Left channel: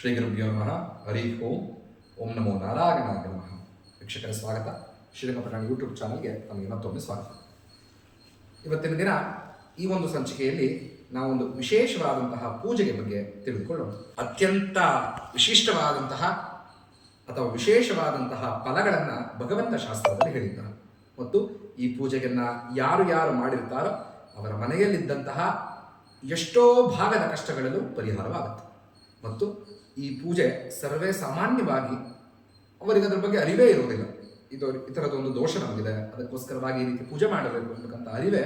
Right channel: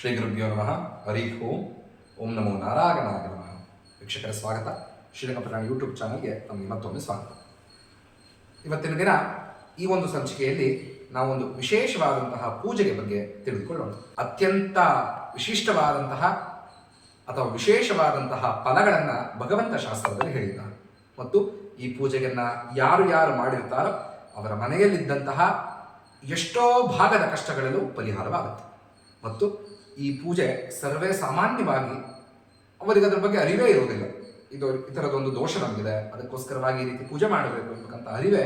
ಶ್ರೀ ಗುರುಭ್ಯೋ ನಮಃ. ಹರಿ ಓಂ. ಓಂ ನಮೋ ನಾರಾಯಣಾಗ ನಮಃ. ವೀಕ್ಷಕರ ಸ್ವಾಗತ. ಶ್ರೀರಂಗಪಟ್ಟಣ ಯೂಟ್ಯೂಬ್ ಚಾನಲ್ಗೆ ನಮಗೆ ಮತ್ತೊಮ್ಮೆ ಸ್ವಾಗತ. ಇವತ್ತಿನ ದಿನ ಈ ಒಂದು ಸಂಚಿಕೆಯಲ್ಲಿ ನಾವೊಂದು ವಿಶೇಷವಾದಂತಹ ಪೂಜೆಗೆ ಬಗ್ಗೆ ತಿಳಿದುಕೊಳ್ಳೋಣ. ಅತ್ಯಂತ ವಿಶಿಷ್ಟವಾದಂತಹ ಅಥವಾ ವಿಶೇಷವಾದಂತಹ ಫಲಗಳನ್ನು ಭಗವಂತ ಶಾಸ್ತ್ರದಲ್ಲಿ ಹೇಳಿದ್ದಾರೆ. ಮತ್ತು ಈ ಪೂಜೆಯನ್ನು ಯಾರು ಯಾರು ಮಾಡಿರ್ತಾರೋ ಅವರ ಮನೆಯಲ್ಲಿದ್ದಂತಹ ಎಷ್ಟೋ ಭಾಗದ ಕಷ್ಟಗಳಲ್ಲೂ ಪರಿಹಾರವಾಗುತ್ತೆ. ಮತ್ತು ಈ ಪೂಜೆ ಸರ್ವೇ ಸಾಮಾನ್ಯವಾಗಿ ಅವರಿಗೆ ಅದರ ಬಗ್ಗೆ ಅರಿವೇ ಇರುವುದಿಲ್ಲ ಇದು ಈ ಥರದೊಂದು ದೋಷ ನಮಗಿದೆ. ಅದಕ್ಕೋಸ್ಕರವಾಗಿ ಈ ರೀತಿ ಪೂಜೆ ಮಾಡಬೇಕು ಎಂಬಕ್ಕಂಥ ಅರಿವೇ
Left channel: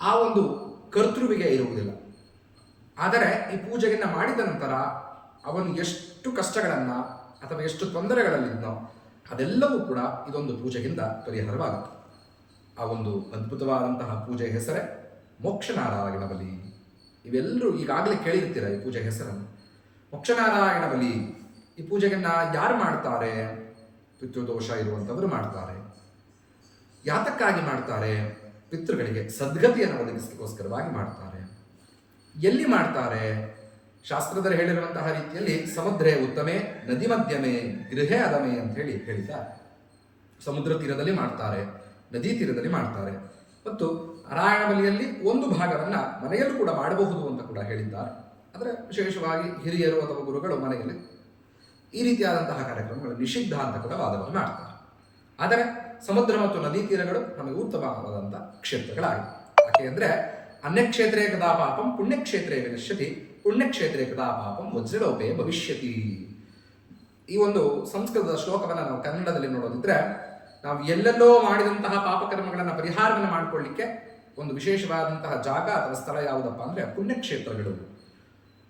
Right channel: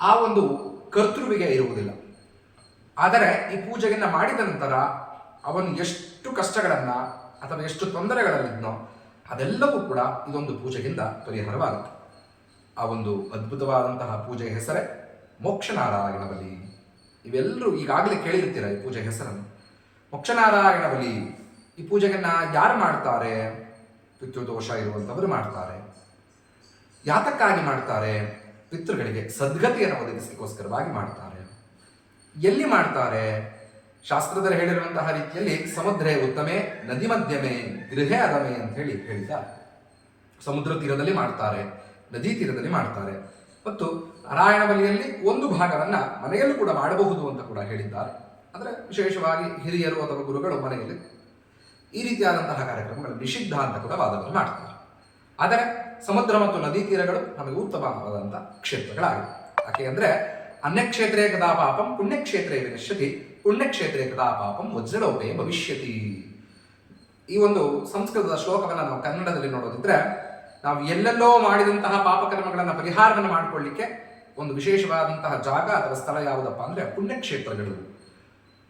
ಆ ಒಂದು ಕರ್ತೃವಿಗೆ ಇರುವುದಿಲ್ಲ. ಆದರೆ ಈ ಪೂಜೆಯನ್ನು ಮಾಡಿದ ನಂತರ ಅವನು ಎಷ್ಟು ಕಷ್ಟಗಳನ್ನು ಅಥವಾ ಎಷ್ಟು ತೊಂದರೆಗಳಲ್ಲಿದ್ನೋ ಅದೆಲ್ಲವೂ ಕೂಡ ಇದೊಂದು ಪೂಜೆಯಿಂದ ಪರಿಹಾರವಾಗುತ್ತೆ. ಆ ಒಂದು ಅದ್ಭುತವಾದಂತಹ ಪೂಜೆ ಹೆಸರೇ ಮೋಕ್ಷನಾರಾಯಣ ಬಲಿ ಇವೆಲ್ಲರೂ ಈಗಾಗಲೇ ಕೇಳಿರ್ತೀರ ಈ ಪೂಜೆ ಹೆಸರನ್ನು? ಮೋಕ್ಷನಾರಾಯಣ ಬಲಿ. ಈ ಪೂಜೆಗನ್ನ ಯಾರು ಮಾಡ್ತಾರೆ? ಪಿತೃದೋಷ ಇರುವಂಥವರು ಮಾಡ್ತಾರೆ. ಯಾತಕ್ಕಾಗಿ ಮಾಡ್ತಾರೆ? ಪಿತೃಗಳಿಗೆ ಸದ್ಗತಿಯನ್ನು ಒದಗಿಸಲಿಕ್ಕೋಸ್ಕರವಾಗಿ ಮಾಡ್ತಾರೆ. ಎಲ್ಲಿ ಮಾಡ್ತಾರೆ? ಶಾಸ್ತ್ರದಲ್ಲಿ ಹೇಳಿರುವಂತಹ ರೀತಿಯಲ್ಲಿ ಸಮುದ್ರೆ ಉತ್ತಮೆ, ನದಿ ಮಧ್ಯಮೆ, ಗೃಹೆ ಅದಮೆ ಅಂತ ಹೇಳಿ ಹೇಳಿದ್ದಾರೆ ಸಮುದ್ರ ತೀರದಲ್ಲಿ ಮಾಡ್ತಾರೆ, ನದಿ ತೀರದಲ್ಲಿ ಮಾಡ್ತಾರೆ. ಮತ್ತು ನಾರಾಯಣ ಬಲಿಯಲ್ಲಿ ಒಂದು ಭಾಗವನ್ನು ಮನೆಯಲ್ಲೂ ಕೂಡ ಮಾಡಬಹುದು ಅಂತ ಕೂಡ ಹೇಳಿದ್ದಾರೆ. ಅಂದರೆ ವಿಶೇಷವಾಗಿ ಹಿರಿಯರು ಅಥವಾ ಗುರುಗಳು ಮನೆಯಲ್ಲಿ ಈ ರೀತಿಯಾದಂತಹ ಕಾರ್ಯಕ್ರಮಗಳು ನಿಷಿದ್ಧ ಅಂತ ಕೂಡ ವಾದವನ್ನು ಮಾಡ್ತಾರೆ. ಆದರೆ ಸಮುದ್ರ ಮತ್ತು ನದಿ ತೀರಗಳು ನಮಗೆ ಉತ್ತಮವಾದಂಥ ಕ್ಷೇತ್ರಗಳಾಗಿವೆ. ಯಾಕೆ ಅಂದರೆ ಅನ್ಯಕ್ಷೇತ್ರೇ ಕದಾ ಪಾಪಂ ಪುಣ್ಯಕ್ಷೇತ್ರೇ ವಿನಶ್ಯತಿ, ಪುಣ್ಯಕ್ಷೇತ್ರೇ ಕದಾ ಪಾಪಂ ವಜ್ರಲೋಪೇ ಭವಿಷ್ಯತಿ. ಈ ಒಂದು ಸಂಸ್ಕೃತದ ಶ್ಲೋಕವನ್ನು ನಾವು ಕನ್ನಡದಲ್ಲಿ ನೋಡೋದಿದ್ರೆ ನಾವು ಎಲ್ಲೆಲ್ಲೋ ಮಾಡಿದಂತಹ ಪಾಪಕರ್ಮಗಳನ್ನು ಪರಿಹಾರವನ್ನು ಮಾಡಿಕೊಳ್ಳಿಕ್ಕೆ ಒಂದು ವಿಶೇಷವಾದಂತಹ ಜಾಗ ಅಥವಾ ಸ್ಥಳ ಯಾವುದಪ್ಪ ಅಂದರೆ ಪುಣ್ಯಕ್ಷೇತ್ರಗಳು.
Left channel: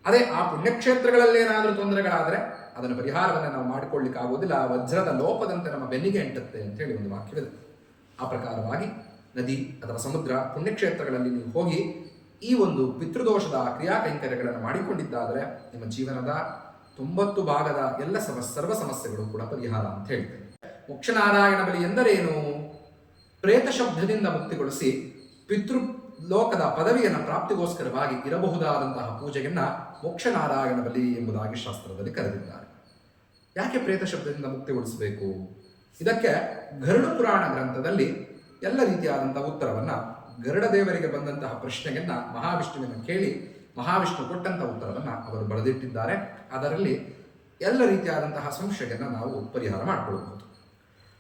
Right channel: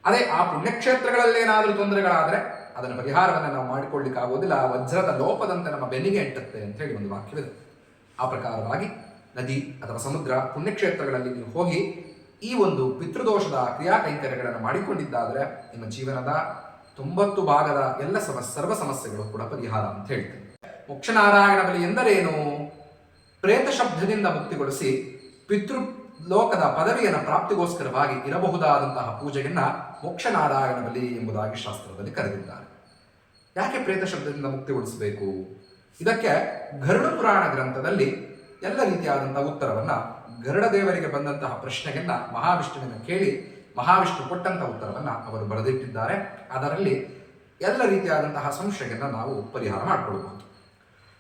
ಅದೇ ಆ ಪುಣ್ಯಕ್ಷೇತ್ರಗಳಲ್ಲಿ ಏನಾದರೂ ತೊಂದರೆಗಳಾದರೆ ಅದನ್ನು ಪರಿಹಾರವನ್ನು ನಾವು ಮಾಡಿಕೊಳ್ಳಿಕ್ಕೆ ಆಗೋದಿಲ್ಲ. ಆ ವಜ್ರದ ಲೋಪದಂತೆ ನಮ್ಮ ಬೆನ್ನಿಗೆ ಎಂಟುತ್ತೆ ಅಂತ ಹೇಳಿ ಒಂದು ವಾಕ್ಯವಿದೆ. ಆ ಪ್ರಕಾರವಾಗಿ ನದಿ ಅಥವಾ ಸಮುದ್ರ ಪುಣ್ಯಕ್ಷೇತ್ರಗಳಲ್ಲಿ ನೀವು ಹೋಗಿ ಈ ಒಂದು ಪಿತೃದೋಷದ ಕ್ರಿಯಾ ಕೈಂಕರ್ಯಗಳನ್ನು ಮಾಡಿಕೊಂಡಿದ್ದಾದರೆ ನಿಮ್ಮ ಜೀವನದ ತೊಂಬತ್ತು ಭಾಗದ ಎಲ್ಲ ಸಮ, ಸರ್ವ ಸಮಸ್ಯೆಗಳು ಕೂಡ ಪರಿಹಾರ ಅಂತ ಹೇಳ್ತೇನೆ. ಮೋಕ್ಷನಾರಾಯಣ ಬಲಿ ಎಂದರೇನು? ಪ್ರೇತ ಶಬ್ದದಿಂದ ಮುಕ್ತಿಗೊಳಿಸಿ ಪಿತೃ ಲೋಕದ ಪದವಿಯನ್ನು ಪ್ರಾಪ್ತಿಗೋಸ್ಕರವಾಗಿ ಇರಬಹುದಾದಂತಹ ಪೂಜೆಯನ್ನ ಮೋಕ್ಷನಾರಾಯಣ ಬಲಿ ಎಂಬುದಾಗಿ ಶಾಸ್ತ್ರದಲ್ಲಿ ಕರೆದಿದ್ದಾರೆ. ಯಾಕೆ ಪ್ರೇತ ಶಬ್ದದಿಂದ ಮುಕ್ತಿಗೊಳಿಸಬೇಕು ಇದಕ್ಕೆ ಗರುಡ ಪುರಾಣ ಗ್ರಂಥದಲ್ಲಿ ಎಲ್ಲ ರೀತಿಯಾದಂತಹ ಉತ್ತರವನ್ನು ಗರುಡ ದೇವರಿಗೆ ಬಂದಂತಹ ಪ್ರಶ್ನೆಯನ್ನ ಮಹಾವಿಷ್ಣುವಿನ ಕೇಳಿ ಮಹಾವಿಷ್ಣು ಕೊಟ್ಟಂತಹ ಉತ್ತರವನ್ನು ಅವರು ಬರೆದಿಟ್ಟಿದ್ದಾರೆ. ಅದರಲ್ಲಿ ಎಲ್ಲ ರೀತಿಯಾದಂತಹ ಸಂಶಯವನ್ನು ನಾವು ಪರಿಹಾರ ಮಾಡಿಕೊಳ್ಳಬಹುದು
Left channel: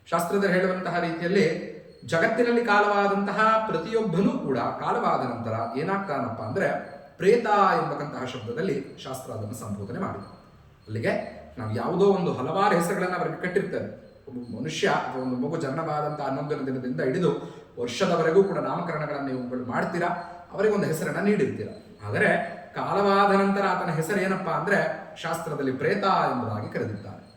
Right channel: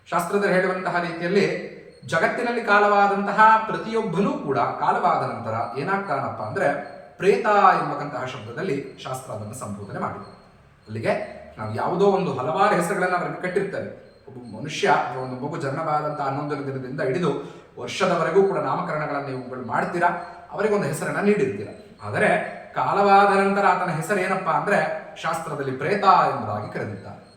ಶಾಸ್ತ್ರದಲ್ಲಿ ಹೇಳುವಂತಹ ರೀತಿಯಲ್ಲಿ ಜಗತ್ತಿನಲ್ಲಿ ಕಾಲವಾದಂತಹ ಪ್ರತಿಯೊಬ್ಬನೂ ಕೂಡ ಕಾಲವಾದ ನಂತರ ಏನಾಗ್ತಾನಪ್ಪ ಅಂದ್ರೆ ಪ್ರೇತ ಎಂಬಕ್ಕಂತಹ ಶಬ್ದದಲ್ಲಿ ಶಾಸ್ತ್ರ ಅದನ್ನು ಸಂಬೋಧನೆ ಮಾಡಿದೆ. ಅಲ್ಲಿಗೆ ನಾವು ಯಾವುದೋ ಒಂದು ಹಲವಾರು ಹೆಸರುಗಳನ್ನು ಅವರಿಗೆ ಕಟ್ಟಿರ್ತೇವೆ. ಒಬ್ಬ ಮನುಷ್ಯ ಅಥವಾ ಒಂದು ಮಗು ಜನ್ಮವಾದಂಥ ಹನ್ನೊಂದನೇ ದಿನದಿಂದ ಹಿಡಿದು ವರ್ಷದವರೆಗೂ ಕೂಡ ನಾಮಕರಣಗಳನ್ನು ಇವುಗಳು ಮಾಡ್ತೀರಾ? ಅವರಿಗೊಂದು ಹೆಸರನ್ನ ನೀಡಿರ್ತೀರ? ಆದರೆ ಕಾಲವಾದ ನಂತರ ಆತನ ಹೆಸರು ಏನಪ್ಪ ಅಂದ್ರೆ ಶಾಸ್ತ್ರದಲ್ಲಿ ಪ್ರೇತ ಎಂಬುದಾಗಿ ಕರೆದಿದ್ದಾರೆ.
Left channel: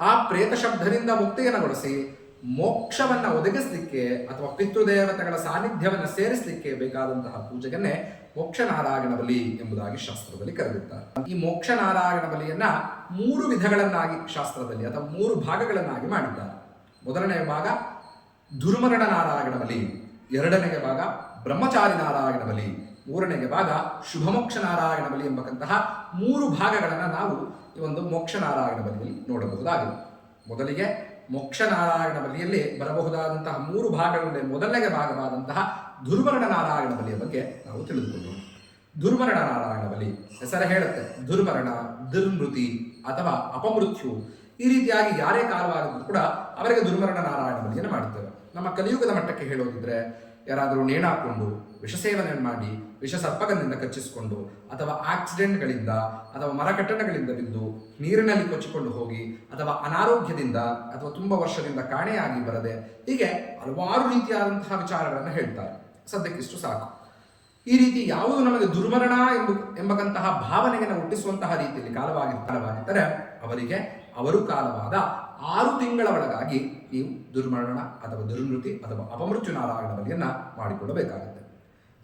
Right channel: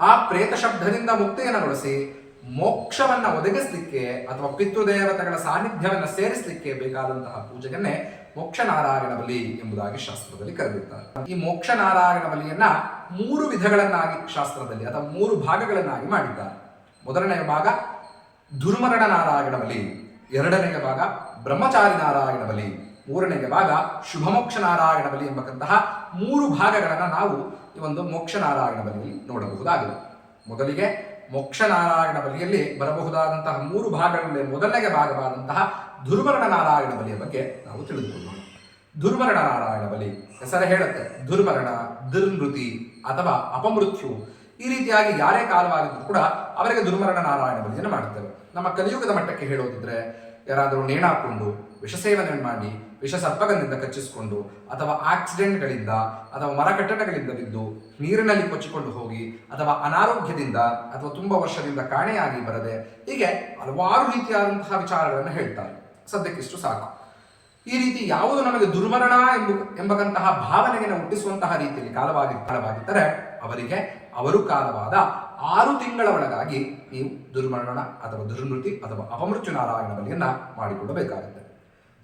ಆ ಪ್ರೇತ ಶಬ್ದದಿಂದ ಮುಕ್ತಿಯನ್ನುಗೊಳಿಸಿ ಮೋಕ್ಷವನ್ನ ಒದಗಿಸ್ಲಿಕ್ಕೆ ಅಥವಾ ಪಿತೃದೇವತೆಗಳ ಸಾನ್ನಿಧ್ಯವನ್ನ ಸೇರಿಸಲಿಕ್ಕೆ ಬೇಕಾದಂತಹ ಪೂಜೆಯನ್ನೇ ಮೋಕ್ಷ ನಾರಾಯಣ ಬಲಿ ಎಂಬುದಾಗಿ ಶಾಸ್ತ್ರದಲ್ಲಿ ಕರೆದಿದ್ದಾರೆ. ಈ ಮೋಕ್ಷ ನಾರಾಯಣ ಬಲಿಯನ್ನ ಮೂರು ವಿಧಗಳನ್ನಾಗಿ ಶಾಸ್ತ್ರದಲ್ಲಿ ಅಥವಾ ಮೂರು ಭಾಗಗಳನ್ನಾಗಿ ಮಾಡಿದ್ದಾರೆ. ಮೊದಲನೆಯ ಭಾಗ ದುರ್ಮರಣ ನಾರಾಯಣ ಬಲಿ ಎರಡನೆಯ ಭಾಗ ಬ್ರಹ್ಮಚಾರಿ ನಾರಾಯಣ ಬಲಿ ಮೂರನೆಯ ಭಾಗ ಶುಭಮೋಕ್ಷ ನಾರಾಯಣ ಬಲಿ ಎಂಬಕ್ಕಂತಹ ಮೂರು ಭಾಗಗಳನ್ನು ನಾವು ಈ ಒಂದು ಮೋಕ್ಷ ನಾರಾಯಣ ಬಲಿಯಲ್ಲಿ ನೋಡಬಹುದಾಗಿದೆ. ಮೊದಲಿಗೆ ಮೋಕ್ಷ ನಾರಾಯಣ ಬಲಿಯಲ್ಲಿ ಬರಬಹುದಾದಂತಹ ಮೂರು ಭಾಗಗಳಲ್ಲಿ ಮೊದಲನೆಯ ಭಾಗವಾದಂತಹ ದುರ್ಮರಣ ನಾರಾಯಣ ಬಲಿಯ ಬಗ್ಗೆ ನಾವು ತಿಳಿದುಕೊಳ್ಳೋಣ. ದುರ್ಮರಣ ನಾರಾಯಣ ಬಲಿ ಹೆಸರು ಹೇಳುತ್ತೆ. ದುರ್ಮರಣ ದುರ್ಮೃತಿ ಅಥವಾ ಅಪಮೃತ್ಯು ಈ ರೀತಿಯಾಗಿ ಯಾರೇ ಕಾಲವಾಗಿದ್ರು ಕೂಡ ಅವರಿಗೆ ದುರ್ಮರಣ ನಾರಾಯಣ ಬಲಿಯನ್ನು ಮಾಡುತ್ತೇವೆ. ನಮ್ಮ ಕಲಿಯುಗದ ಮಟ್ಟಕ್ಕೆ ಹೇಳೋದಿದ್ರೆ ಯಾರಾದರೂ ನೇಣಾಕೊಂಡು ವಿಷ ಸೇವನೆ ಮಾಡಿ ವಿಷ ಸರ್ಪಗಂಧದಿಂದ ಕಚ್ಚಿಸಿಕೊಂಡು ಅಥವಾ ಆಕ್ಸಿಡೆಂಟ್ಗಳಿಂದ ಅಥವಾ ಮರಕಟ್ಟಡಗಳಿಂದ ಬಿದ್ದು ನೀರಿನಲ್ಲಿ ಕೊಚ್ಚಿಕೊಂಡು ಹೋಗಿ ಅಥವಾ ಅನಾರೋಗ್ಯದಿಂದ ಅಥವಾ ತುಂಬ ವರ್ಷದಿಂದ ಕಾಣೆಯಾಗಿ ಬರದೆ ಹೀಗೆ ಹಲವಾರು ರೀತಿಯಾದಂತಹ ವಿಚಾರಗಳನ್ನು ಹೇಳ್ತಾರೆ. ಸದ್ಯಕ್ಕಿಷ್ಟು ಸಾಕು. ಈ ರೀತಿ ಯಾವುದು ನಮಗೆ ದುರ್ಮರಣ ಎಂಬ ಎಂಬಕಂತಹ ಭಾವನೆಗೆ ಹುಟ್ಟಿಸುವಂತಹ ರೀತಿಯಲ್ಲಿ ಕಾಲವಾಗಿ ಕಾಲವಾಗಿದ್ದರೆ ಅವರಿಗೆ ಅವರು ಕಾಲವಾದ ಆರು ತಿಂಗಳ ಒಳಗಾಗಿ ನೀವು ದುರ್ಮರಣ ಅಥವಾ ದುರ್ಮೃತಿ ಅಥವಾ ಅಪಮೃತ್ಯು ನಾರಾಯಣ ಬಲಿಯನ್ನ ಮಾಡಿಕೊಳ್ಳಬೇಕಾಗುತ್ತೆ.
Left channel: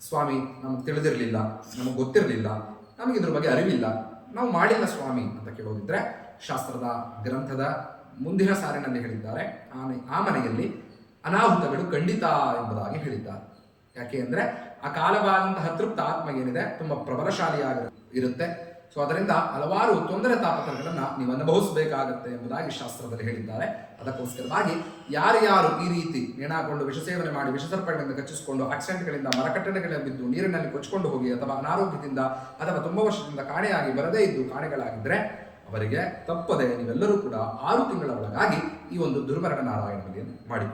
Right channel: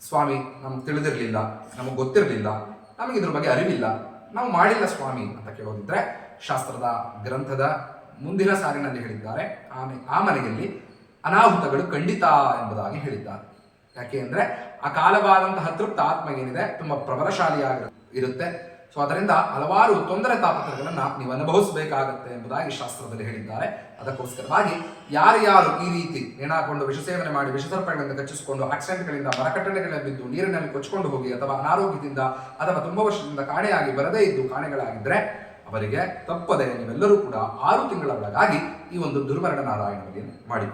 ಸ್ವಾಮಿ, ನಮಗೆ ತಿಳಿದಿರಲಿಲ್ಲ, ನಮಗೆ ಗೊತ್ತಿರಲಿಲ್ಲ, ನಮಗೆ ಇದ್ರ ಬಗ್ಗೆ ಅರಿವಿಲ್ಲ. ನಾವು ಮಾಡಿಲ್ಲ ಸ್ವಾಮಿ ಅಂತ ಕೇಳೋದಿದ್ರೆ ಶಾಸ್ತ್ರದ ಗ್ರಂಥದ ಮುಂದಿನ ಸಾಲಿನಲ್ಲಿ ಹೇಳಿದ್ದಾರೆ. ಆನೆ ಆ ಮನೆಯಲ್ಲಿ ಅನಾಹುತಗಳು ಖಂಡಿತ ಎಂಬುದಾಗಿ ಹೇಳಿದ್ದಾರೆ. ಯಾಕೆ ಅಂದರೆ ಆ ಕಾಲವಾದಂತಹ ತೃಪ್ತ ಆತ್ಮ ಏನಿದೆ, ತುಂಬ ಪ್ರಬಲಶಾಲಿಯಾಗಿ ಇರುತ್ತೆ. ಸೊ ಅದರಿಂದ ಹಲವಾರು ತೊಂದರೆ ತಾಪತ್ರಗಳನ್ನು ನೀವು ಅನುಭವಿಸಬೇಕಾಗತ್ತೆ ಎಂಬುದಾಗಿ ಶಾಸ್ತ್ರದಲ್ಲಿ ಹೇಳಿದ್ದಾರೆ. ಅದಕ್ಕೋಸ್ಕರವಾಗಿ ಯಾರ್ಯಾರು ಈ ರೀತಿ ನೇಣಾಕೊಂಡು ವಿಷ ಸೇವನೆ ಮಾಡಿ ವಿಷಸರ್ಪಗಳಿಂದ ಕಚ್ಚಿಸಿಕೊಂಡು ಆಕ್ಸಿಡೆಂಟ್ಗಳಿಂದ ಮರಕಟ್ಟಣೆಗಳ ಬಿದ್ದು ನೀರಿನಲ್ಲಿ ಕೊಚ್ಚಿಕೊಂಡು ಹೋಗಿ ಅಥವಾ ಅನಾರೋಗ್ಯದಿಂದ ಅಥವಾ ತುಂಬ ವರ್ಷದಿಂದ ಕಾಣೆಯಾಗಿ ಬರದೇ ಇದ್ದು ಕಾಣೆಗಳಾಗಿದ್ದರೆ ಅವರಿಗೆ ತಪ್ಪದೆ ನೀವೆಲ್ಲರೂ ಕೂಡ ಆರು ತಿಂಗಳ ಒಳಗಾಗಿ ಈ ಒಂದು ದುರ್ಮರಣ ನಾರಾಯಣ ಬಲಿಯನ್ನು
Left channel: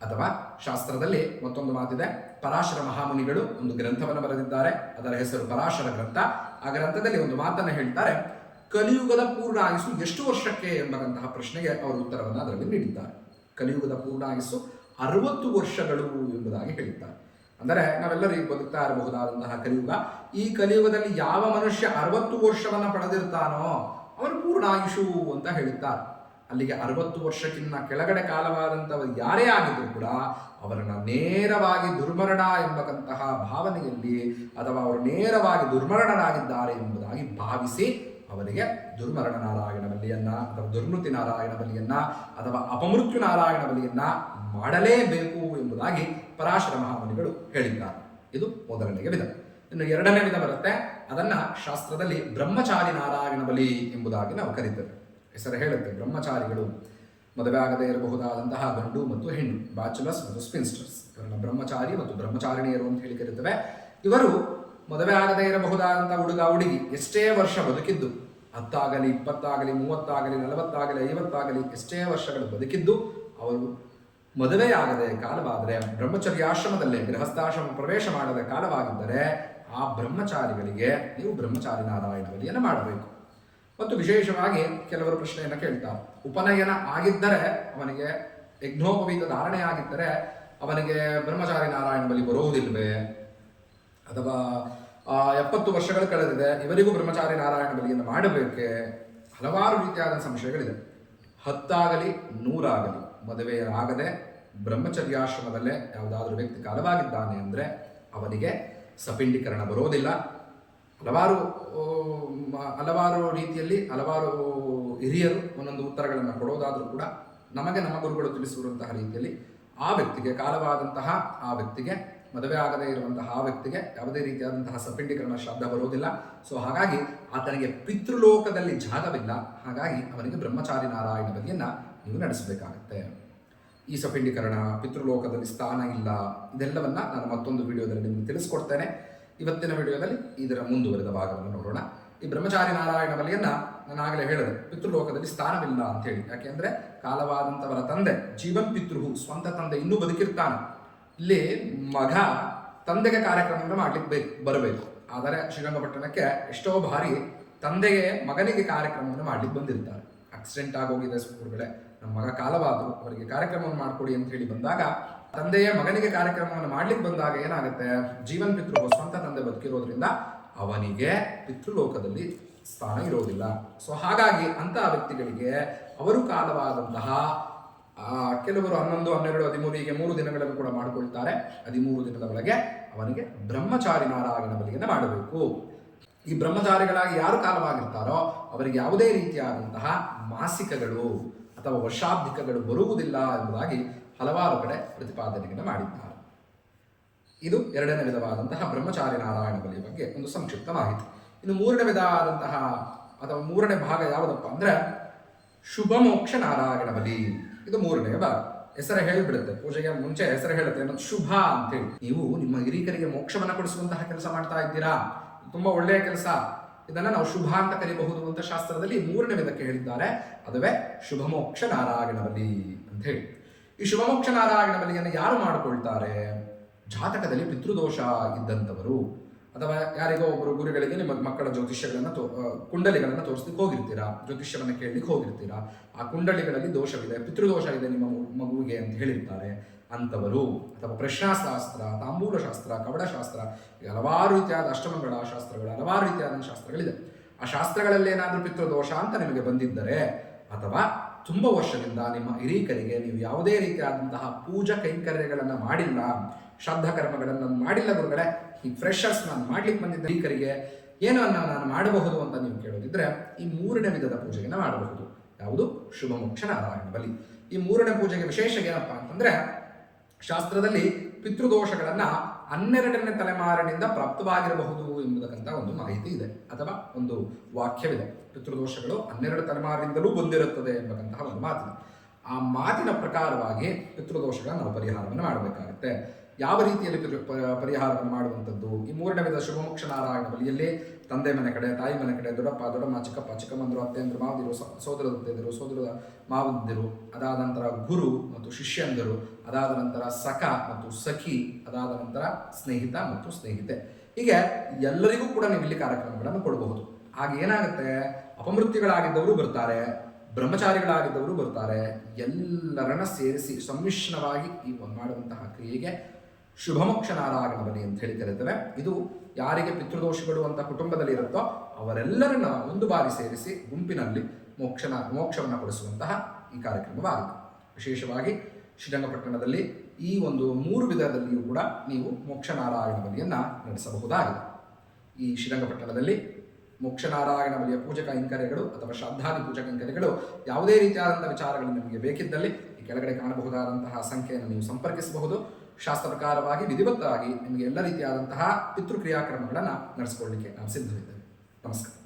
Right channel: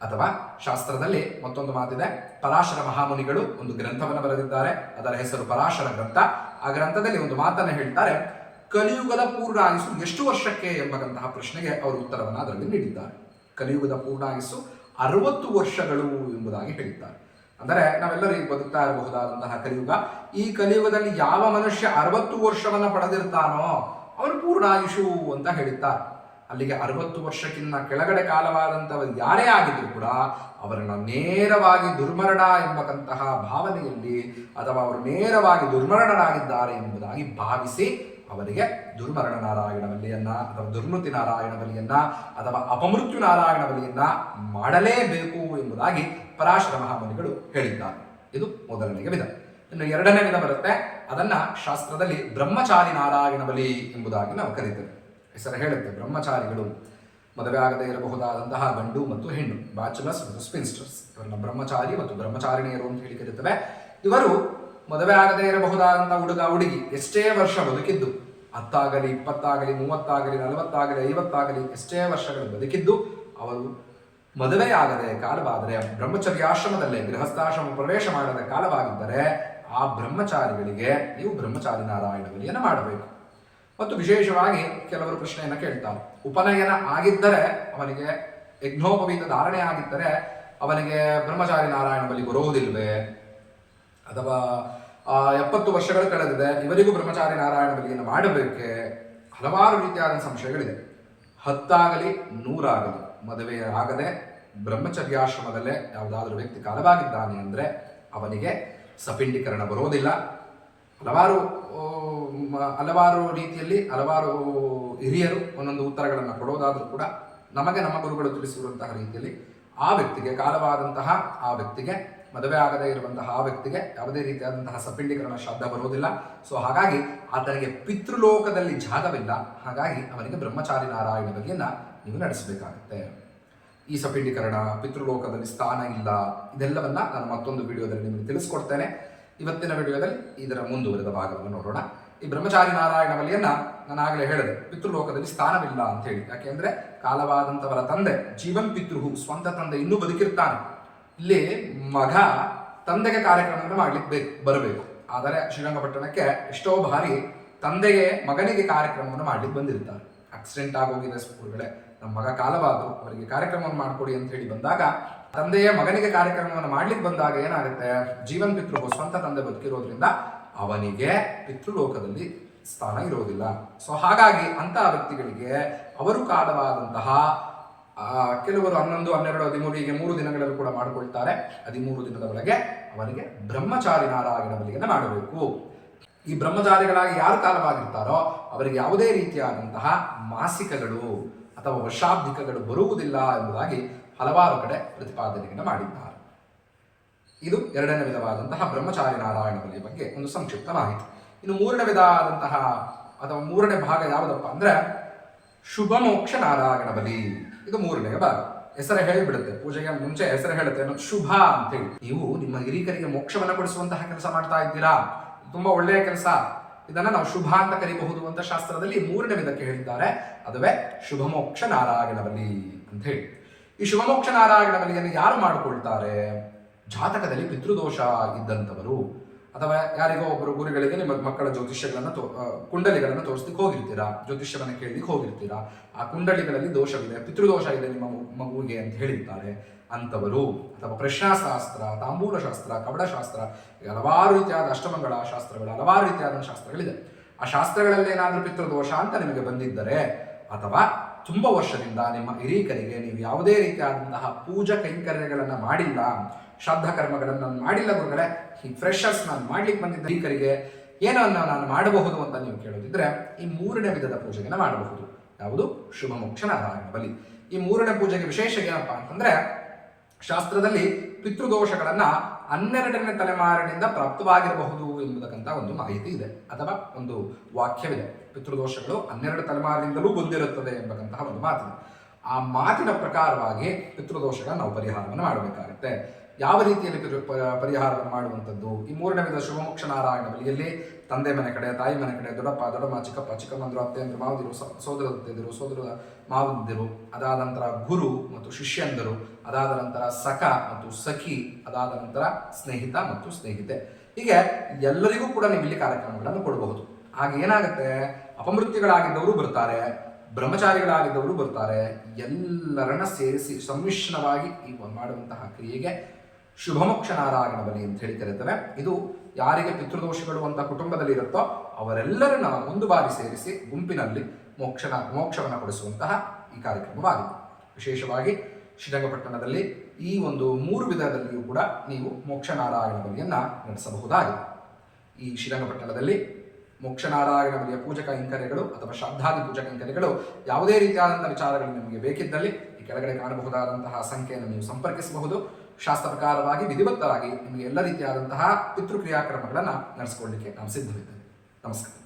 ಅಥವಾ ಶಾಸ್ತ್ರದಲ್ಲಿ ಮತ್ತೊಂದು ಮಾತಿದೆ. ಪರಾಶರ ಮಹಾಮುನಿಗಳು ಒಂದು ಗ್ರಂಥವನ್ನು ಬರೆದಿದ್ದಾರೆ. ಅದರ ಹೆಸರು ಪರಾಶರ ಗ್ರಂಥ. ಆ ಗ್ರಂಥದಲ್ಲಿ ಒಂದು ಮಾತನ್ನು ಹೇಳ್ತಾರೆ. ಕಲಿಯುಗದ ಪೂರ್ಣ ಆಯಸ್ಸು ಎಷ್ಟು ವರ್ಷಕ್ಕೆ ಎಂಬಂತಹ ಪ್ರಶ್ನೆಗೆ ಅವರು ಉತ್ತರವನ್ನು ಅದರಲ್ಲಿ ನೀಡಿದ್ದಾರೆ. ಕಲಿಯುಗದ ಪೂರ್ಣ ಆಯಸ್ಸು ಅರವತ್ತು ವರ್ಷಗಳು ಎಂಬುದಾಗಿ ಹೇಳಿದ್ದಾರೆ. ಅಂದರೆ ನಾವೆಲ್ಲರೂ ಈಗ ಬದುಕ್ತಾ ಇರಬಹುದಾದಂತಹ ಕಲಿಯುಗ. ಈ ಕಲಿಯುಗದಲ್ಲಿ ಯಾವ ಮನುಷ್ಯ ಅರವತ್ತು ವರ್ಷವನ್ನು ಪಡೆದಿರ್ತಾನೋ, ಅವನು ಪೂರ್ಣ ಆಯುಷು ಅಂತ ಹೇಳಿದ್ದಾರೆ ಅಲ್ಲಿಗೆ ಅರವತ್ತು ವರ್ಷಕ್ಕಿಂತ ಕೆಳಗಡೆ ಕಾಲವಾದಂಥವರು ಯಾರೇ ಆಗಿದ್ರು ಕೂಡ ಅವರನ್ನು ನೇರವಾಗಿ ದುರ್ಮರಣ ಎಂಬಕ್ಕಂತಹ ಭಾವನೆಯಲ್ಲಿ ಅಥವಾ ಅವರು ನೇರವಾಗಿ ದುರ್ಮರಣರಾಗಿದ್ದಾರೆ ಎಂಬುದಾಗಿ ಭಾವಿಸಿ ಅವರಿಗೆ ದುರ್ಮರಣ ನಾರಾಯಣ ಬಲಿಯನ್ನ ಅಥವಾ ದುರ್ಮೃತಿ ನಾರಾಯಣ ಬಲಿಯನ್ನ ಅಥವಾ ಅಪಮೃತ್ಯು ನಾರಾಯಣ ಬಲಿಯನ್ನ ಮಾಡಲೇಬೇಕು ಎಂಬುದಾಗಿ ಪರಾಶರ ಮಹಾಮುನಿಗಳು ಹೇಳಿದ್ದಾರೆ. ಇದು ಮೊದಲನೆಯ ವಿಧ. ಇನ್ನು ಎರಡನೇ ವಿಧ ಬರುತ್ತೆ. ಅದನ್ನ ಶಾಸ್ತ್ರದಲ್ಲಿ ಬ್ರಹ್ಮಚಾರಿ ನಾರಾಯಣ ಬಲಿ ಎಂಬುದಾಗಿ ನಾವು ಕರೀತೇವೆ. ಹೆಸರು ಹೇಳುತ್ತೆ ಬ್ರಹ್ಮಚಾರಿಗಳು. ಮದುವೆ ಆಗದೇ ಇರಬಹುದಾದಂತಹ ಗಂಡು ಮತ್ತು ಹೆಣ್ಣು ಬ್ಯಾಚುಲರ್ಸ್ ಮತ್ತು ಸ್ಪಿನ್ಸ್ಟರ್ಸ್ ಇವರನ್ನ ಬ್ರಹ್ಮಚಾರಿ ಮತ್ತು ಬ್ರಹ್ಮಚಾರಿಣಿಯರು ಅಂತ ಹೇಳಿ ಕರೀತವೆ. ಇವರು ಮದುವೆ ಆಗದೇ ಇರಬಹುದಾದಂಥ ಹುಡುಗ, ಹುಡುಗಿ, ಎಷ್ಟೇ ವರ್ಷ ಬದುಕಿದ್ದು, ಹತ್ತಾಗಲಿ, ಇಪ್ಪತ್ತಾಗಲಿ, ಮೂವತ್ತಾಗಲಿ, ನಲವತ್ತಾಗಲಿ, ಐವತ್ತಾಗಲಿ, ಎಷ್ಟೇ ವರ್ಷಗಳು ಬದುಕಿದ್ದು, ಅವರು ಮದುವೆಯಾಗದೆ ಕಾಲವಾದರೆ ಬ್ರಹ್ಮಚರ್ಯಾಶ್ರಮದಲ್ಲೇ ಗೃಹಸ್ಥಾಶ್ರಮ ಪ್ರವೇಶ ಮಾಡದ ಕಾಲವಾಗಿದ್ದರೆ, ಆ ಬ್ರಹ್ಮಚಾರಿಗಳಿಗೆ ನೀವು ಬ್ರಹ್ಮಚಾರಿ ನಾರಾಯಣ ಬಲಿಯನ್ನು ಮಾಡಬೇಕು. ಮತ್ತು ವಿಶೇಷವಾಗಿ ಕೆಲವರು ಪ್ರಶ್ನೆಯನ್ನು ಕೇಳ್ತಾರೆ. ಉಪನಯನ ಆಗಿದ್ದರೆ ಅವನಿಗೆ ಯಜ್ಞೋಪವೀತ ಧಾರಣೆ ಆಗಿದ್ದರೆ ಅವನಿಗೆ ಬ್ರಹ್ಮಚಾರಿ ನಾರಾಯಣ ಬಲಿ ಬರುವುದಿಲ್ವೇ? ಅಥವಾ ಎಪ್ಪತ್ತು ವರ್ಷಗಳು ಕಳೆದಿದೆ, ಇವರಿಗೂ ಬ್ರಹ್ಮಚಾರಿ ನಾರಾಯಣ ಬಲಿಯನ್ನು ಮಾಡಬೇಕೆ? ಹಲವಾರು ರೀತಿಯಾದ ಸಂಶಯಗಳಿದೆ. ಹತ್ತಾಗಲಿ, ನೂರಾಗಲಿ, ಮದುವೆ ಆಗದೆ ಬ್ರಹ್ಮಚರ್ಯಾಶ್ರಮದಲ್ಲೇ ಯಾವುದಾದ್ರೂ ವ್ಯಕ್ತಿ ಕಾಲವಾಗಿದ್ದಾನೆ ಅಂದರೆ ಅವನಿಗೆ ಸಪಿಂಡೀಕರಣ ಬರೋದಿಲ್ಲ ಹಲವಾರು ಹಲವಾರು ರೀತಿಯಲ್ಲಿ ಹಲವಾರು ಹಿರಿಯರು ಒಂದೊಂದು ಉತ್ತರಗಳನ್ನು ಕೊಡೋದಾದರೂ ಕೂಡ ನಮಗೆ ನಮ್ಮ ಗುರುಗಳು ತಿಳಿಸಿರುವಂತಹ ರೀತಿಯಲ್ಲಿ ಆ ವ್ಯಕ್ತಿಗೆ, ಕಾಲವಾದಂತಹ ಆ ವ್ಯಕ್ತಿಗೆ, ಮದುವೆ ಆಗದೇ ಇರುವಂತಹ ಆ ವ್ಯಕ್ತಿಗೆ ಯಾವುದೇ ರೀತಿಯಾದಂತಹ ಸಪಿಂಡೀಕರಣ ಶ್ರಾದ್ದ ಬರುವುದಿಲ್ಲ ಸೊ ಹಾಗಾಗಿ ಆತನಿಗೆ ಪಿತೃಲೋಕದಲ್ಲಿ ಜಾಗವಿಲ್ಲ. ಹಾಗಾಗಿ ಅವನಿಗೆ ಬ್ರಹ್ಮಚಾರಿ ನಾರಾಯಣ ಬಗೆಯನ್ನು ನೀವು ನಡೆಸಬೇಕಾಗುತ್ತೆ. ಈ ಸಪಿಂಡೀಕರಣ, ಪಿತೃಲೋಕದಲ್ಲಿ ಸ್ಥಾನ ಇಲ್ಲ, ಇದೆಲ್ಲವನ್ನ ನಾನು ಮತ್ತೊಂದು ವಿಡಿಯೋದಲ್ಲಿ ನಿಮಗೆ ತಿಳಿಸ್ಕೊಡ್ತೇನೆ. ಇವತ್ತಿನ ವಿಡಿಯೋದಲ್ಲಿ ಇದರ ಮುಂದುವರೆದ ಭಾಗವನ್ನು ನೋಡೋಣ. ಈ ಬ್ರಹ್ಮಚಾರಿ ನಾರಾಯಣ ಬಲಿಯನ್ನ ನಾನು ಆಗಲೇ ಹೇಳಿದೆ, ಪಿತೃಲೋಕದಲ್ಲಿ ಸ್ಥಾನವಿಲ್ಲ ಅಂತ ಹೇಳಿ ಯಾಕೆಂದ್ರೆ ಕಾಲವಾದಂಥವರ ತಂದೆ, ಜೀವನ್ ಪಿತೃಹು, ಸ್ವಂತ ತಂದೆ ಇನ್ನೂ ಬದುಕಿರ್ತಾನೆ. ಇಲ್ಲಿ ಮಗ ತಂದೆಗೆ ಕಾರ್ಯಕ್ರಮವನ್ನು ಮಾಡ್ಲಿಕ್ಕೆ ಬೇಕು, ಬರಬೇಕು. ಆದರೆ ಶ್ರೀರಂಗಪಟ್ಟಣಕ್ಕೆ ಎಷ್ಟೋ ಬಾರಿ ತಂದೆಗೆ ಮಗನಿಗೆ ಕಾರ್ಯಕ್ರಮವನ್ನು ಮಾಡ್ಲಿಕ್ಕೆ ಬಂದಿರ್ತಾರೆ. ಆಕ್ಸಿಡೆಂಟ್ ಆಗೋಗಿದೆ ಸ್ಕೂಲ್ಗಳೇ. ನಮ್ಮ ಮಗ ಕಾಲವಾದ್ರು, ಅವರಿಗೆ ಕಾರ್ಯಕ್ರಮವನ್ನು ಮಾಡಿಕೊಡಿ ಅಂತ ಹೇಳಿ ಬಂದಾಗ, ತಂದೆಯೇ ಮಗನಿಗೆ ಕಾರ್ಯಕ್ರಮವನ್ನು ಮಾಡ್ಲಿಕ್ಕೆ ಬಂದಾಗ ಏನಾಗುತ್ತೆ? ಜೀವನ್ ಪಿತೃ ಸ್ವಂತ ತಂದೆ ಬದುಕಿರೋದ್ರಿಂದ ಅವನಿಗೆ ಪಿತೃಲೋಕದಲ್ಲಿ ಸ್ಥಾನ ಇರೋದಿಲ್ಲ ಸೊ ಹಾಗಾಗಿ ಅಂತಹ ವ್ಯಕ್ತಿಗಳಿಗೆ ಅವರು ಕಾಲವಾದಂತಹ ಕೆಲವರು ಹನ್ನೊಂದು, ಹನ್ನೆರಡು, ಹದಿಮೂರು, ಹೀಗೆ ಮೂರು ದಿನಗಳಲ್ಲೂ ಕೂಡ ಮಾಡಿಕೊಳ್ತಾರೆ. ಹದಿಮೂರು ದಿನದ ಒಳಗೆ ಅವನಿಗೆ ಬ್ರಹ್ಮಚಾರಿ ನಾರಾಯಣ ಬಲಿಯನ್ನು ಮಾಡಬೇಕು. ಈ ಬ್ರಹ್ಮಚಾರಿಗಳಾಗಿ ಯಾರು ಕಾಲವಾಗಿರ್ತಾರೋ, ಅವರಿಗೆ ಯಾವುದೇ ರೀತಿಯಾದಂತಹ ಮಾಸಿಕಗಳು ಅಥವಾ ವರ್ಷಾಬ್ದಿಕಗಳು ಬರುವುದಿಲ್ಲ ಎಂಬುದಾಗಿ ಹಲವಾರು ಕಡೆ ಪ್ರತಿಪಾದನೆಯನ್ನು ಮಾಡಿದ್ದಾರೆ. ಇದು ಎರಡನೇ ವಿಧವಾದಂತಹ ಬ್ರಹ್ಮಚಾರಿ ನಾರಾಯಣ ಬಲಿಯ ಬಗ್ಗೆ ಒಂದು ಸಂಕ್ಷಿಪ್ತ ಮಾಹಿತಿ ಇನ್ನು ಮೂರನೇ ವಿಧ ಆದಂತಹ ಅಥವಾ ಮೂರನೇ ಭಾಗ ಯಾವುದಪ್ಪ ಅಂದ್ರೆ ಶುಭ ಮೋಕ್ಷ ನಾರಾಯಣ ಬಲಿ. ಇದು ಮೂರನೇ ಭಾಗ. ಹೆಸರು ಹೇಳಿಬಿಡುತ್ತೆ. ಪೂಜೆಗೆ ಮುಂಚೆ ಹೆಸರು ಹೇಳುತ್ತೆ ಅನ್ನೋದು ಶುಭ ಅಂತೇಳಿ ನೀವು ನಿಮ್ಮ ಹಿರಿಕರಿಗೆ ಮೋಕ್ಷವನ್ನು ಕೊಡಿಸುವಂತಹ ಕೆಲಸ ಮಾಡ್ತಾ ಇದ್ದೀರಾ? ತುಂಬಾ ಒಳ್ಳೆಯ ಕೆಲಸ. ಇದನ್ನ ನಾವು ಶುಭ ಅಂತ ಕರಿಬಹುದು ಅಂತ ಶಾಸ್ತ್ರದಲ್ಲಿ ಮೂರನೇ ವಿಧಕ್ಕೆ ಹೇಳಿದ್ದಾರೆ. ಅದುವೇ ಶುಭ ಮೋಕ್ಷ ನಾರಾಯಣ ಬಲಿ ಅಂತ ಹೇಳಿ. ಈ ಶುಭ ಮೋಕ್ಷ ನಾರಾಯಣ ಬಲಿಯನ್ನು ಯಾರು ಮಾಡಿಕೊಳ್ತಾರೆ? ಜಾತಕದಲ್ಲಿ ಪಿತೃದೋಷ ಇದ್ದಂಥವರು ಅಥವಾ ಯಾರಿಗೋ ಒಬ್ಬರು ಗುರುಗಳಿಗೆ ನಿಮ್ಮ ಮಕ್ಕಳ ಜ್ಯೋತಿಷ್ಯಗಳನ್ನು ತೋ ಕುಂಡಲಿಗಳನ್ನು ತೋರಿಸ್ಲಿಕ್ಕೆ ಹೋಗಿರ್ತೀರಾ? ಜ್ಯೋತಿಷ್ಯವನ್ನು ಕೇಳಲಿಕ್ಕೆ ಹೋಗಿರ್ತೀರಾ? ಆ ಕುಂಡಲಿಗಳಲ್ಲಿ ದೋಷವಿದೆ, ಪಿತೃದೋಷ ಇದೆ ನಿಮ್ಮ ಮಗು- ಮಗುವಿಗೆ ಅಂತ ಹೇಳಿರ್ತಾರೆ ಅಂಥವರು. ಅಥವಾ ಪ್ರಶ್ನಾಶಾಸ್ತ್ರ, ತಾಂಬೂಲಶಾಸ್ತ್ರ, ಕವಡಶಾಸ್ತ್ರ ಹಲವಾರು ರೀತಿಯಾದ ಅಷ್ಟಮಂಗಳ ಶಾಸ್ತ್ರಗಳು, ಹಲವಾರು ರೀತಿಯಾದ ಶಾಸ್ತ್ರಗಳಿದೆ. ಆ ಶಾಸ್ತ್ರಗಳಲ್ಲಿ ಏನಾದರೂ ಪಿತೃದೋಷ ಅಂತ ನಿಮಗೆ ಬಂದಿದ್ದರೆ ಅಥವಾ ತುಂಬ ವರ್ಷದಿಂದ ನಿಮ್ಮ ಹಿರೀಕರಿಗೆ ನೀವು ಯಾವುದೇ ರೀತಿಯಾದಂತಹ ಪೂಜಾ ಕೈಂಕರ್ಯಗಳನ್ನು ಮಾಡಿಲ್ಲ ಶ್ರಾದ್ದ ಕರ್ಮಗಳನ್ನು ನಾನು ಮಾಡಿಲ್ಲ ಗುರುಗಳೇ, ಈ ಫ್ರೆಶರ್ಸ್ ನಾನು ಮಾಡ್ಲಿಕ್ಕೆ ಬಂದಿದ್ದ ಈಕರಿಗೆ ಏನನ್ನು ನಾನು ಮಾಡಬಹುದು ಅಂತ ನೀವು ಕೇಳೋದಿದ್ರೆ, ಈ ಮೂರನೇ ವಿಧದ ಪೂಜೆಗೆ ಮಾಡಬಹುದು. ಯಾವುದು? ಶುಭ ಮೋಕ್ಷ ನಾರಾಯಣ ಬಲಿ. ಈ ಮೂರನೇ ಪೂಜೆಗೆ ವಿಶೇಷ ಏನಪ್ಪಾ ಅಂತಂದ್ರೆ, ಶಾಸ್ತ್ರದಲ್ಲಿ ಪಿತೃದೋಷಗಳನ್ನ ಹನ್ನೆರಡನೇ ತಲೆಮಾರಿನಿಂದ ಪ್ರಾಪ್ತವಾಗಿರಬಹುದು ಎಂಬುದಕ್ಕಂತ ಒಂದು ಮಾಹಿತಿ ಇದೆ, ಅಥವಾ ಒಂದು ವಾಕ್ಯವಿದೆ. ಪಿತೃದೋಷಗಳು ಹನ್ನೆರಡು ತಲೆಮಾರಿನಿಂದಲೂ ಬಂದಿರುತ್ತದೆ ಎಂಬಕ್ಕಂತಹ ಒಂದು ಮಾತಿದೆ. ಆ ಮಾತಿನ ಪ್ರಕಾರವಾಗಿ ಪಿತೃದೋಷಗಳ ನಾವು ಪರಿಹಾರವನ್ನು ಮಾಡಬೇಕಾಗುತ್ತೆ. ಯಾವ ರೀತಿಯಲ್ಲಿ ಪರಿಹಾರವನ್ನು ಮಾಡುವಂಥದ್ದು? ಈ ಮೂರನೇ ವಿಧ ಶುಭಮೋಕ್ಷ ನಾರಾಯಣ ಬಲಿಯಲ್ಲಿ ತಂದೆ ಮನೆ ಕಡೆ, ತಾಯಿ ಮನೆ ಕಡೆ, ದೊಡ್ಡಪ್ಪ, ದೊಡ್ಡಮ್ಮ, ಚಿಕ್ಕಪ್ಪ, ಚಿಕ್ಕಮ್ಮಂದರು ಅತ್ತೆಯಂದ್ರು ಮಾವದಿರು ಸೋದರ ಅತ್ತೆಯಂದಿರು ಸೋದರ ಅದಾದ ನಂತರ ಗುರು ಮತ್ತು ಶಿಷ್ಯಂದರು, ಅದಾದ ನಂತರ ಸಖ ಮತ್ತು ಸಖಿ, ಅದಾದ ನಂತರ ಸ್ನೇಹಿತ ಮತ್ತು ಸ್ನೇಹಿತೆ. ಹೀಗೆ ಎಲ್ಲರಿಗೂ ಕೂಡ ನೀವು ಇಲ್ಲಿ ಕಾರ್ಯಕ್ರಮಗಳನ್ನು ಕೊಡಬಹುದು. ಹಾಗೆ ಏನಾಗುತ್ತೆ? ಅಪಮೃತ್ಯುಗಳಾಗಿದ್ದವರು ಬರ್ತಾರೆ, ಬ್ರಹ್ಮಚಾರಿಗಳಾಗಿದ್ದವರು ಬರ್ತಾರೆ, ಎಲ್ಲರನ್ನ ಸೇರಿಸಿ ಸಮ್ಮಿಶ್ರವಾಗಿ ಈ ಮಾಡುವಂತಹ ಕ್ರಿಯೆಗೆ ಶುಭಮೋಕ್ಷ ನಾರಾಯಣ ಬಲಿ ಅಂತ ಹೇಳಿ ಕರೀತೇವೆ ಇದು ಯಾರಿಗೆ ಪಿತೃದೋಷಗಳು ಅಂತ ಕುಟುಂಬದಲ್ಲಿ ಇರುತ್ತೋ ಅವರೆಲ್ಲರನ್ನ ಒಂದು ಬಾರಿ ಸೇರಿಸಿ ಗುಂಪಿನಲ್ಲಿ ಮೋಕ್ಷನ, ಮೋಕ್ಷವನ್ನು ಕೊಡಿಸುವಂತಹ ಈ ಕಾರ್ಯಕ್ರಮವಾಗಿದೆ. ವಿಶೇಷವಾಗಿ ಶ್ರೀರಂಗಪಟ್ಟಣದಲ್ಲಿ ಈ ಒಂದು ಮೂರು ವಿಧದಲ್ಲಿಯೂ ಕೂಡ ನೀವು ಮೋಕ್ಷನಾರಾಯಣ ಬಲಿಯನ್ನು ನಡೆಸಬಹುದಾಗಿದೆ. ಈ ಶ್ರೀರಂಗಪಟ್ಟಣದಲ್ಲಿ ಮೋಕ್ಷನಾರಾಯಣ ಬಲಿಯ ಪೂಜಕ ಇಂಕರೆಗಳು ಅಥವಾ ಶ್ರದ್ಧಾದಿ ಪೂಜಕ ಕೈಂಕರ್ಯಗಳು ಯಾವುದೇ ರೀತಿಯಾದಂತಹ ವಿಚಾರಗಳು ನಿಮಗೆ ಬೇಕಿದ್ದಲ್ಲಿ ಈ ಕೆಳಗಡೆ ಕಾಣಬಹುದಾದಂತಹ ಸಂಖ್ಯೆಯನ್ನು ನೀವು ಸಂಪರ್ಕಿಸಬಹುದು. ಶಾಸ್ತ್ರ ಪ್ರಕಾರವಾಗಿ ವಿಧಿವತ್ತವಾಗಿ ನಿಮಗೆ ಎಲ್ಲ ರೀತಿಯಾದಂತಹ ಪಿತೃಕ್ರಿಯಾಕ್ರಮಗಳನ್ನು ನಡೆಸಿಕೊಳ್ಳಲಿಕ್ಕೆ ನಾವು ಸಿದ್ಧವಿದ್ದೇವೆ ನಮಸ್ಕಾರ.